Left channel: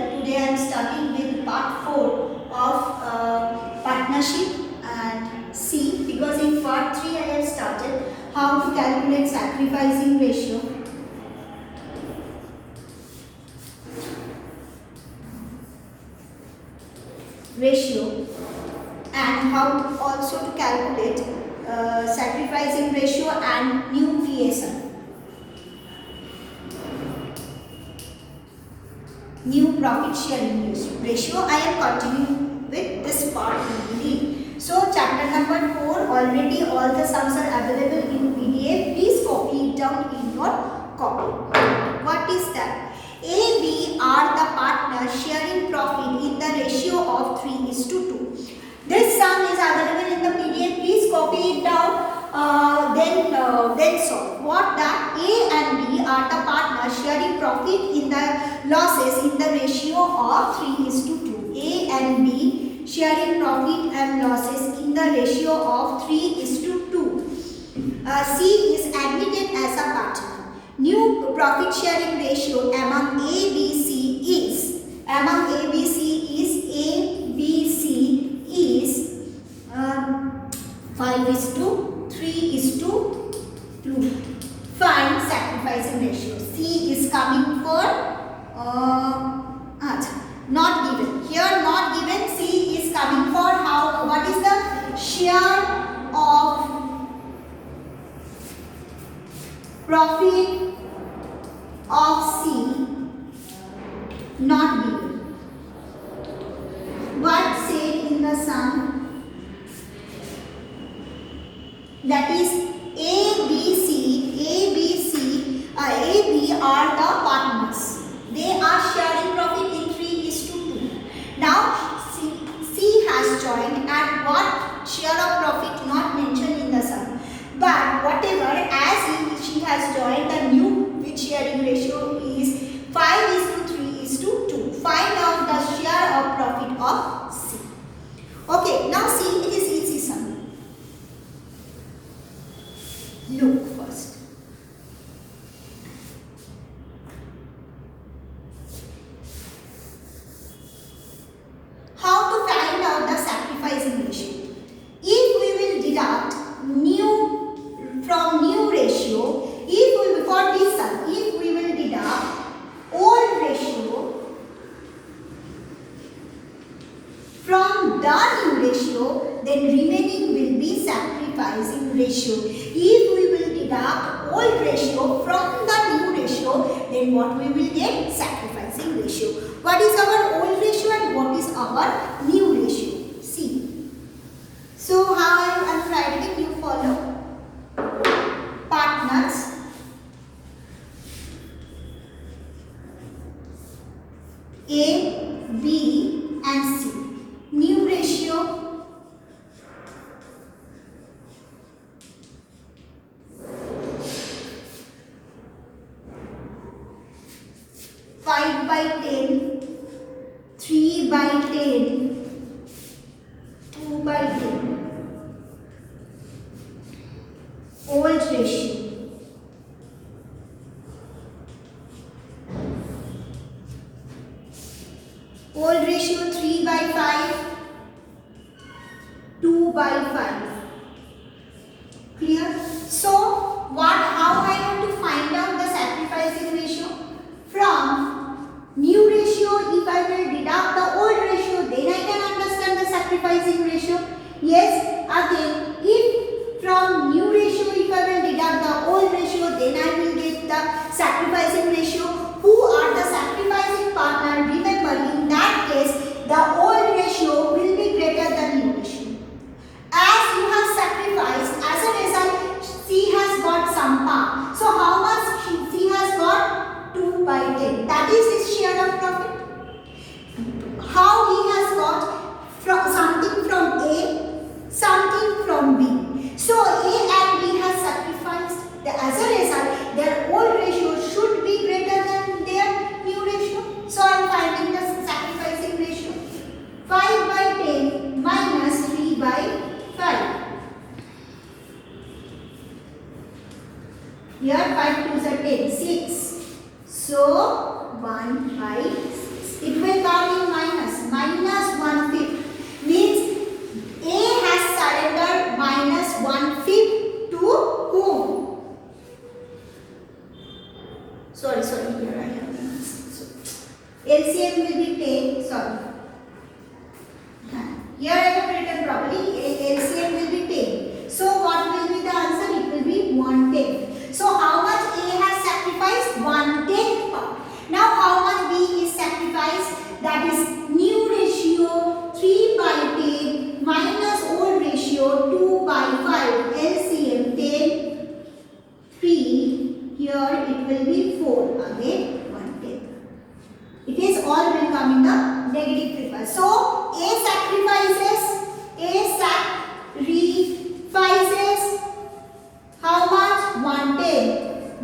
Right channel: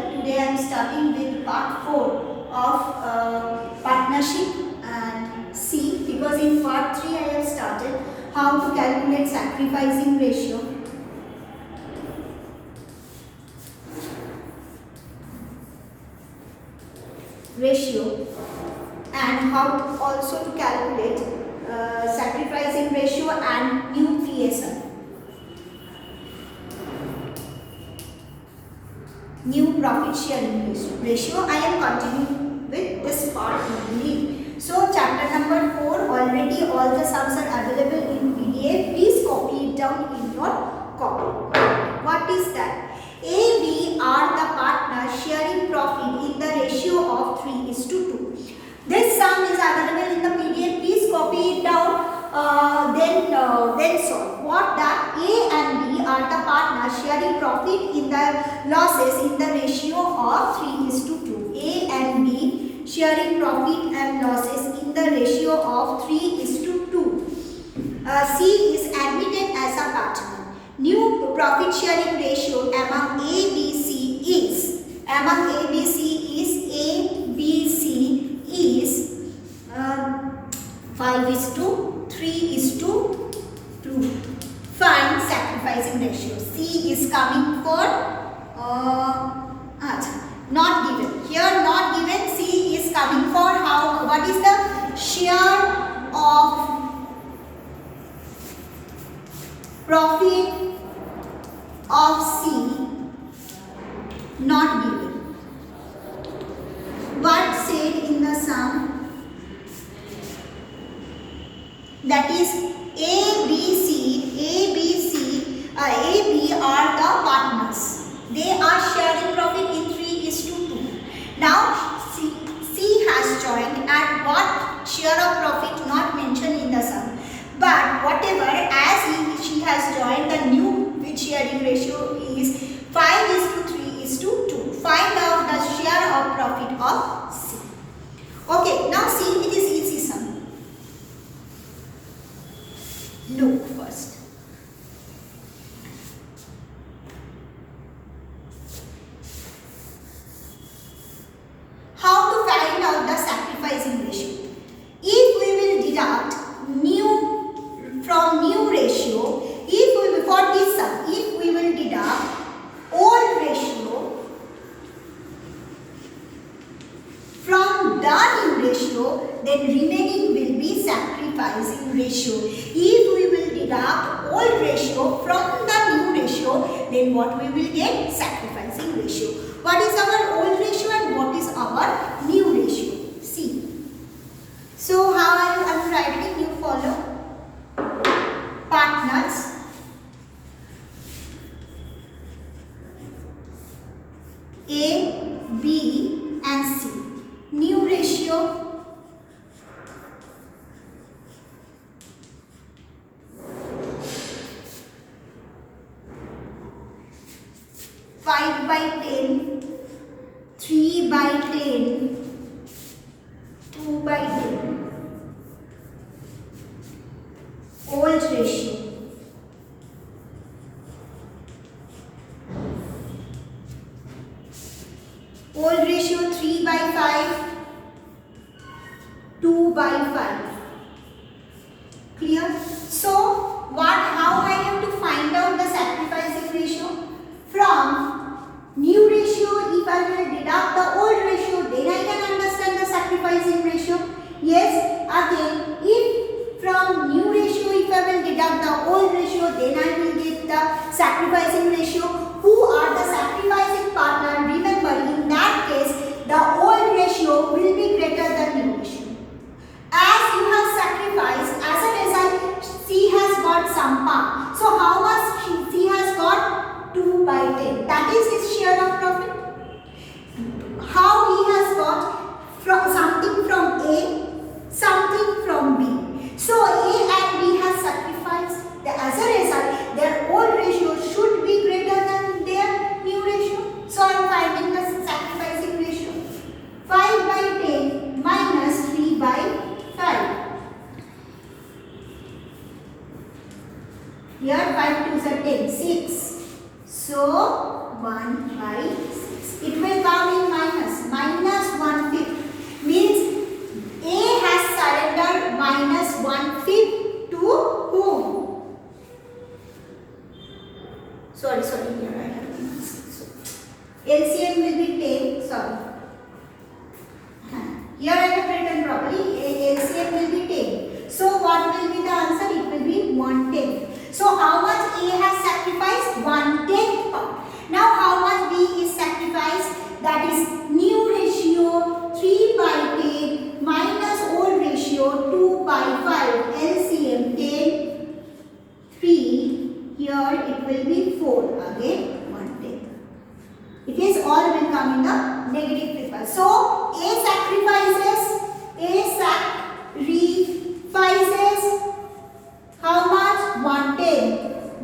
Today I am starting with part 4 of partnership and C, because in part 3 I have started how to calculate sacrificing ratio and how also to calculate sacrificing ratio and new PSM. New profit sharing ratio. I am continuing with this part only. So chapter number 4, already all the sums are available in PDF. Please copy it down in your copy. What is that? A, B are the partners sharing profit in the ratio of 3:2. This sum is available in the PDF. Please copy it down. Then solve. What that A and B are the partners sharing profit in the losses in the ratio of 3:2. A and B sharing profit and losses in the ratio of 3:2. C is admitted as a partner. New profit sharing ratio among A, B, C is 5:3:2. Find sacrificing ratio. C is coming for not given. Here not given. C is coming for how? What is the share of profit of C? Not given. What said in the sum? That is A, B are the partners. They are sharing profit in 3:2. Now C has joined at what share of profit not mentioned in the sum. But whatever, as she has joined, the new sharing ratio is 5:3:2. Find out the share of profit of C. Okay, now see, it is easy sum. Look first. How to find out the sacrificing ratio? If we will deduct from new ratio, for this sum, if we will deduct old ratio from the new ratio, then remaining will be sacrificing ratio. If we will deduct old ratio from the new ratio, then what we will get? Sacrificing ratio. What is our old ratio and what is our new ratio? See. So how I am writing, you follow. Partners A, B and C. New ratio 5/10, 3/10, 2/10. Old ratio. Old ratio 3/5, 2/5. Clear? So, how I have to find out the sacrificing ratio? From new ratio, if I will deduct the old ratio, then I can understand the sacrificing ratio. Yes, again, if from new ratio, if I will deduct the old ratio, then I will get the sacrificing ratio. Who are the sacrificing partner? Remember, in that case, the old ratio will be greater than new ratio. As you have sacrificed, as a result, C has got some part. So how much C has got? 2/10. That is his share of profit. How he has got something from A, something from B. So A and B has sacrificed. As a result, their old ratio should be greater than their new ratio. So I am finding the sacrificing ratio. 5/10 minus 3/5. 1 by 6. It will come in minus. Minus 1/5 means A has surrendered minus 1/5 to whom? Sorry, here I have LCM will be 10. Sorry. Here I have written properly. LCM will be 10. So what will be the answer? It will be 1/10. So how much A has sacrificed? 1/10 part. Now how much B is sacrificed? That is new ratio 3 by 10 minus old ratio 2 by 5. LCM 10, 3. Here it will be 4. Again 1/10. It is all will come in the negative paper. So A sacrifices how much? 1/10.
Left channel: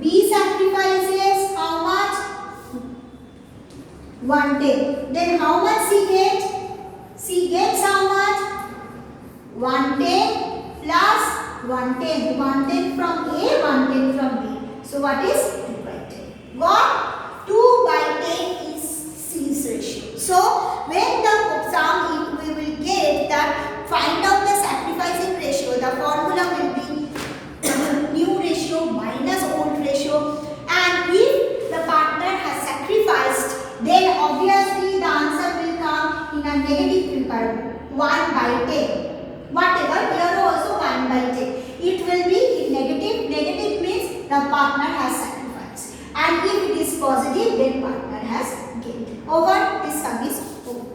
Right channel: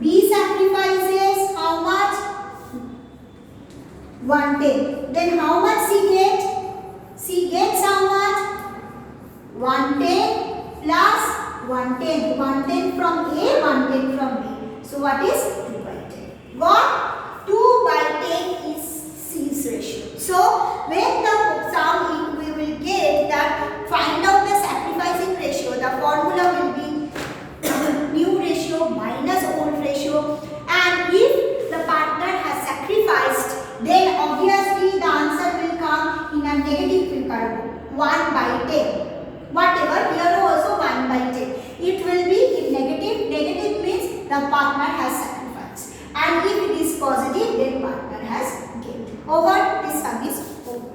B sacrifices how much? 1/10. Then how much C gets? C gets how much? 1/10 plus 1/10. 1/10 from A, 1/10 from B. So what is 2 by 10? Got? 2 by 10 is C's ratio. So when the sum we will get that, find out the sacrificing ratio. The formula will be new ratio minus old ratio, and if the partner has sacrificed, then obviously the answer will come in a negative paper, 1 by 10. Whatever, here also 1 by 10. It will be in negative. Negative means the partner has sacrificed, and if it is positive, then partner has gained. Over. This sum is over.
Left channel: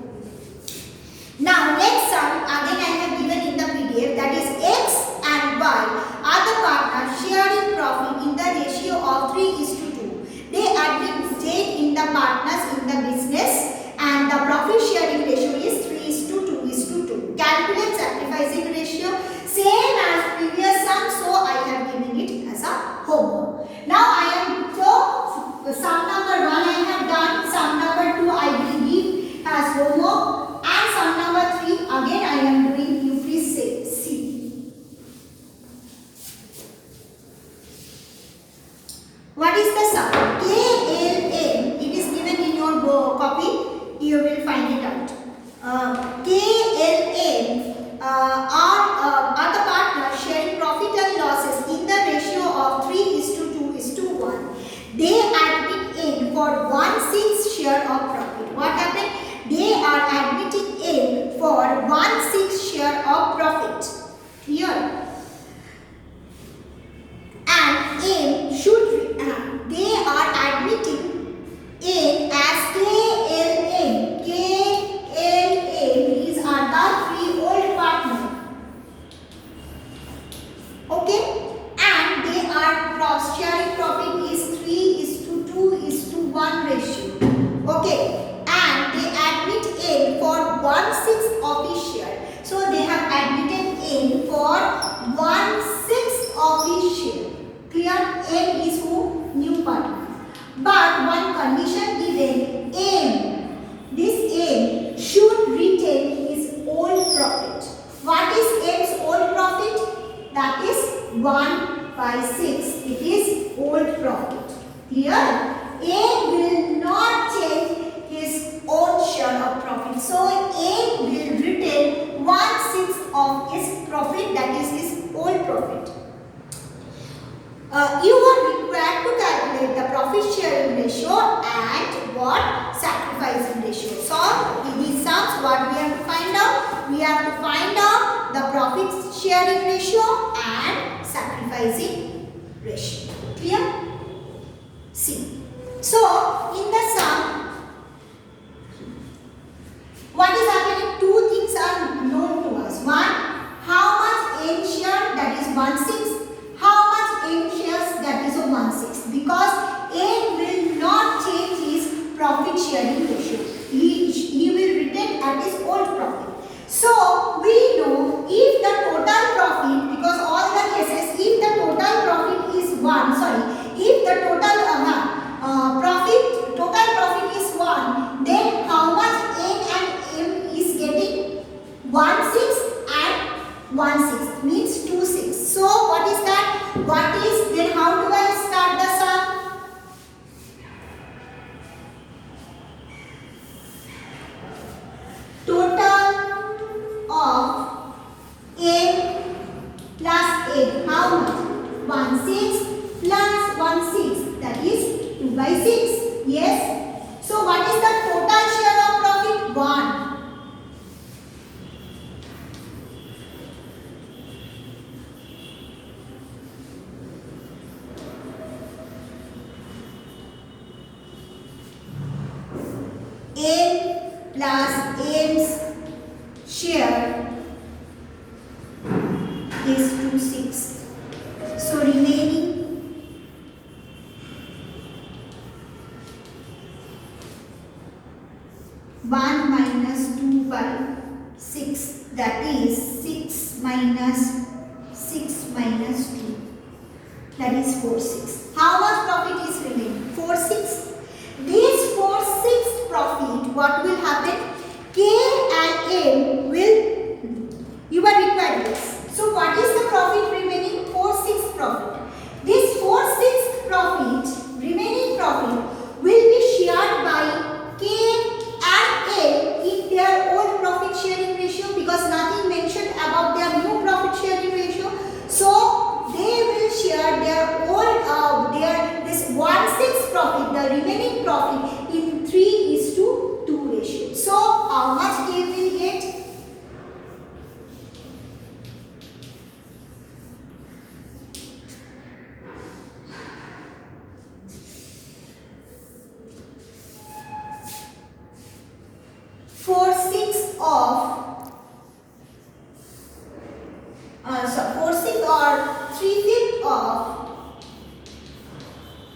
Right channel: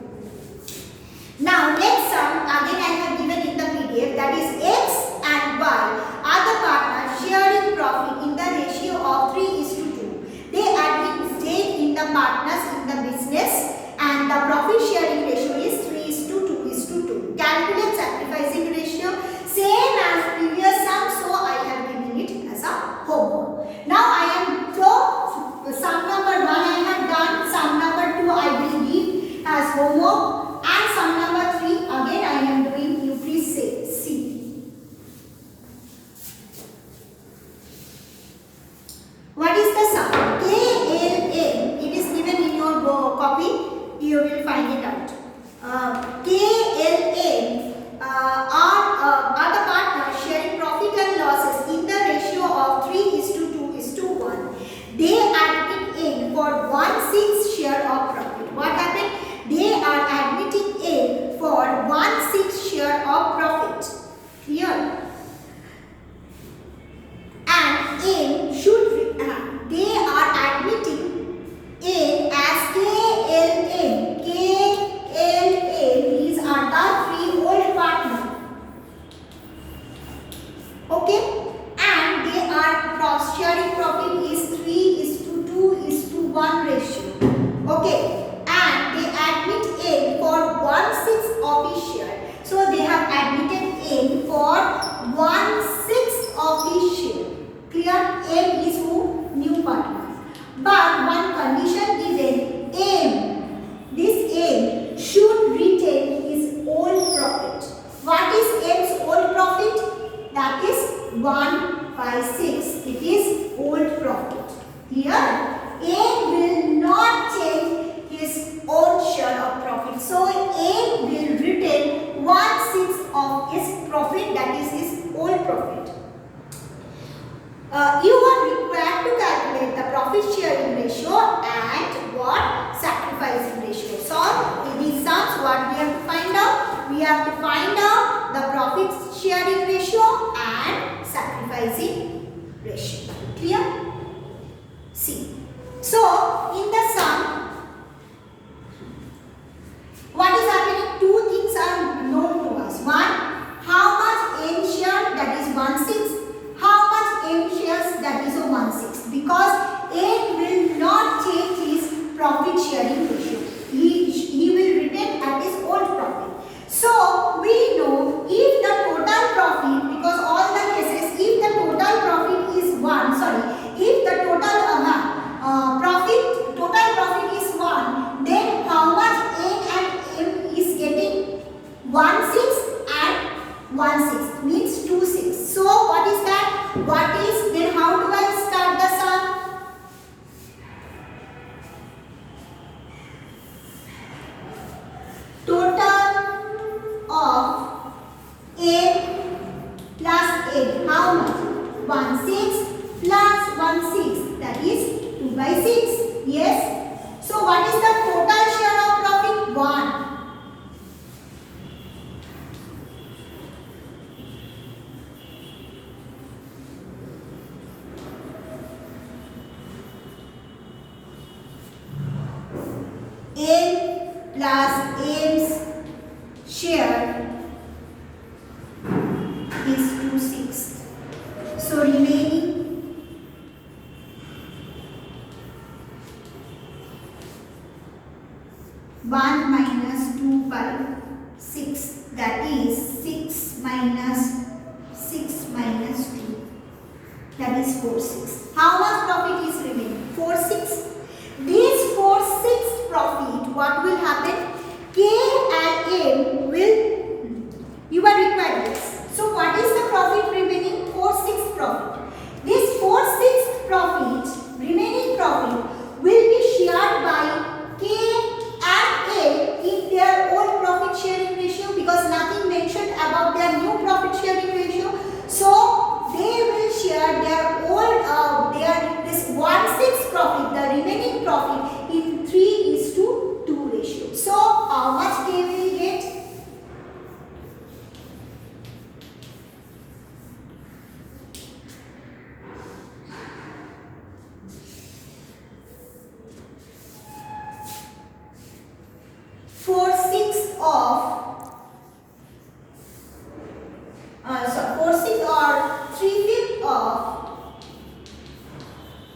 Now next sum again I have given in the PDF, that is X and Y are the partners sharing profit in the ratio of 3:2. They admit stake in the partners in the business, and the profit sharing ratio is 3:2:2. Calculate sacrificing ratio, same as previous sum, so I have given it as a homework. Now I am sum number 1 I have done, sum number 2 I will give as homework, and sum number 3 again I am doing. You please say C. What is the sum? KLM. It is given in your copy. You will find it out. KLM are the partners sharing profit and losses in the ratio of 3:2:1. They admit in for 1/6 share of profit. What happened? They are admitting in for 1/6 share of profit. Clear? And in should they are admitting in as KLM. KLM, these are the 3 old partner. Okay, and they are sharing profit is 3:2:1 ratio. Okay, and they admit in for 1/6 of his share. So they have admitted in for 1/6 of his share. Clear? M is who? New partner. But one condition given, this M should retain his old profit. What is M's old profit? That is 1 by 6. It is old profit. Clear? M will not change his own share of profit. So M will retain 1/6 of his profit, that is his old profit. You are required to calculate the profit sharing ratio and what? Sacrificing ratio. So in these sums, what we have to find out? We have to find out the profit sharing ratio and sacrificing ratio. Clear? See. So in the sum, what is happening? 2 things are known to us. One, how much N share, that is 1/6. How much N shares, that is a 1/6. Because N will not change his profit sharing ratio. He will retain at his old profit. So we know if the total profit, because all the cases, if the total profit is 1, if the total profit is 1, then how much N and M is getting? 1/6 and 1/6 means 2/6. So what is that? What is, then how do I start the sum? 6. Yes. So what is the total share of profit? 1. L plus M's share is 2/6. So remaining 1 minus 2 by 6, that is 6 minus 6 minus 2, that is 4/6. How much profit is remaining? 4/6. This 4/6 profit, what will happen? K and M will, you are required this. So what is the profit remaining? 4/6 profit. This 4/6 profit, remaining profit, will be shared by K and L in their old profit sharing ratio, because nothing mentioned about their new profit sharing ratio. So they will share their old this 1/6 profit, the remaining profit, in 3:2 ratio. So how much they will get?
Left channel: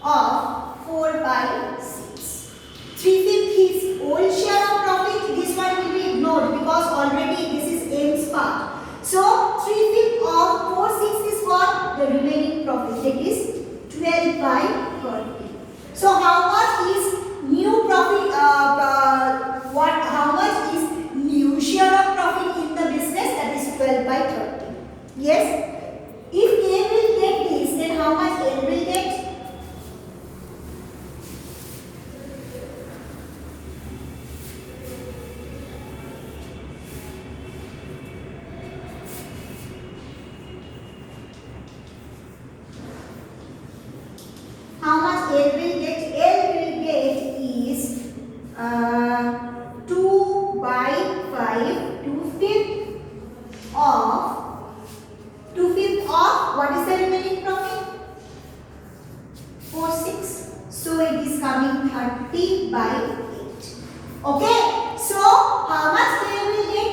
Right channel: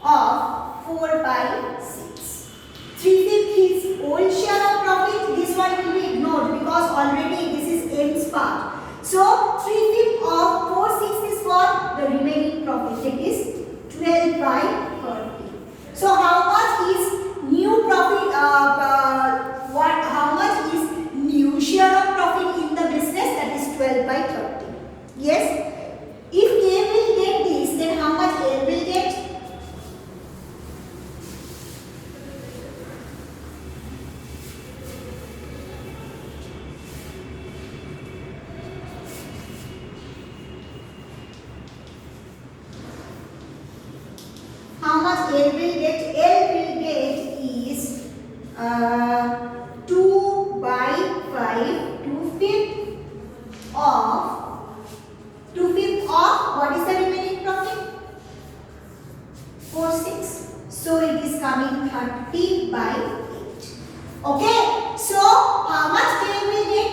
Of 4 by 6. 3/5 is old share of profit. This one will be ignored because already this is M's part. So 3/5 of 4/6 is what? The remaining profit, that is 12 by 30. So how much is new profit? How much is new share of profit in the business? That is 12 by 30. Yes. If K will get this, then how much L will get? How much L will get? L will get is 2 by 5, 2/5 of what is the remaining profit? 4/6. So it is coming 30 by 8. Okay. So how much K will get?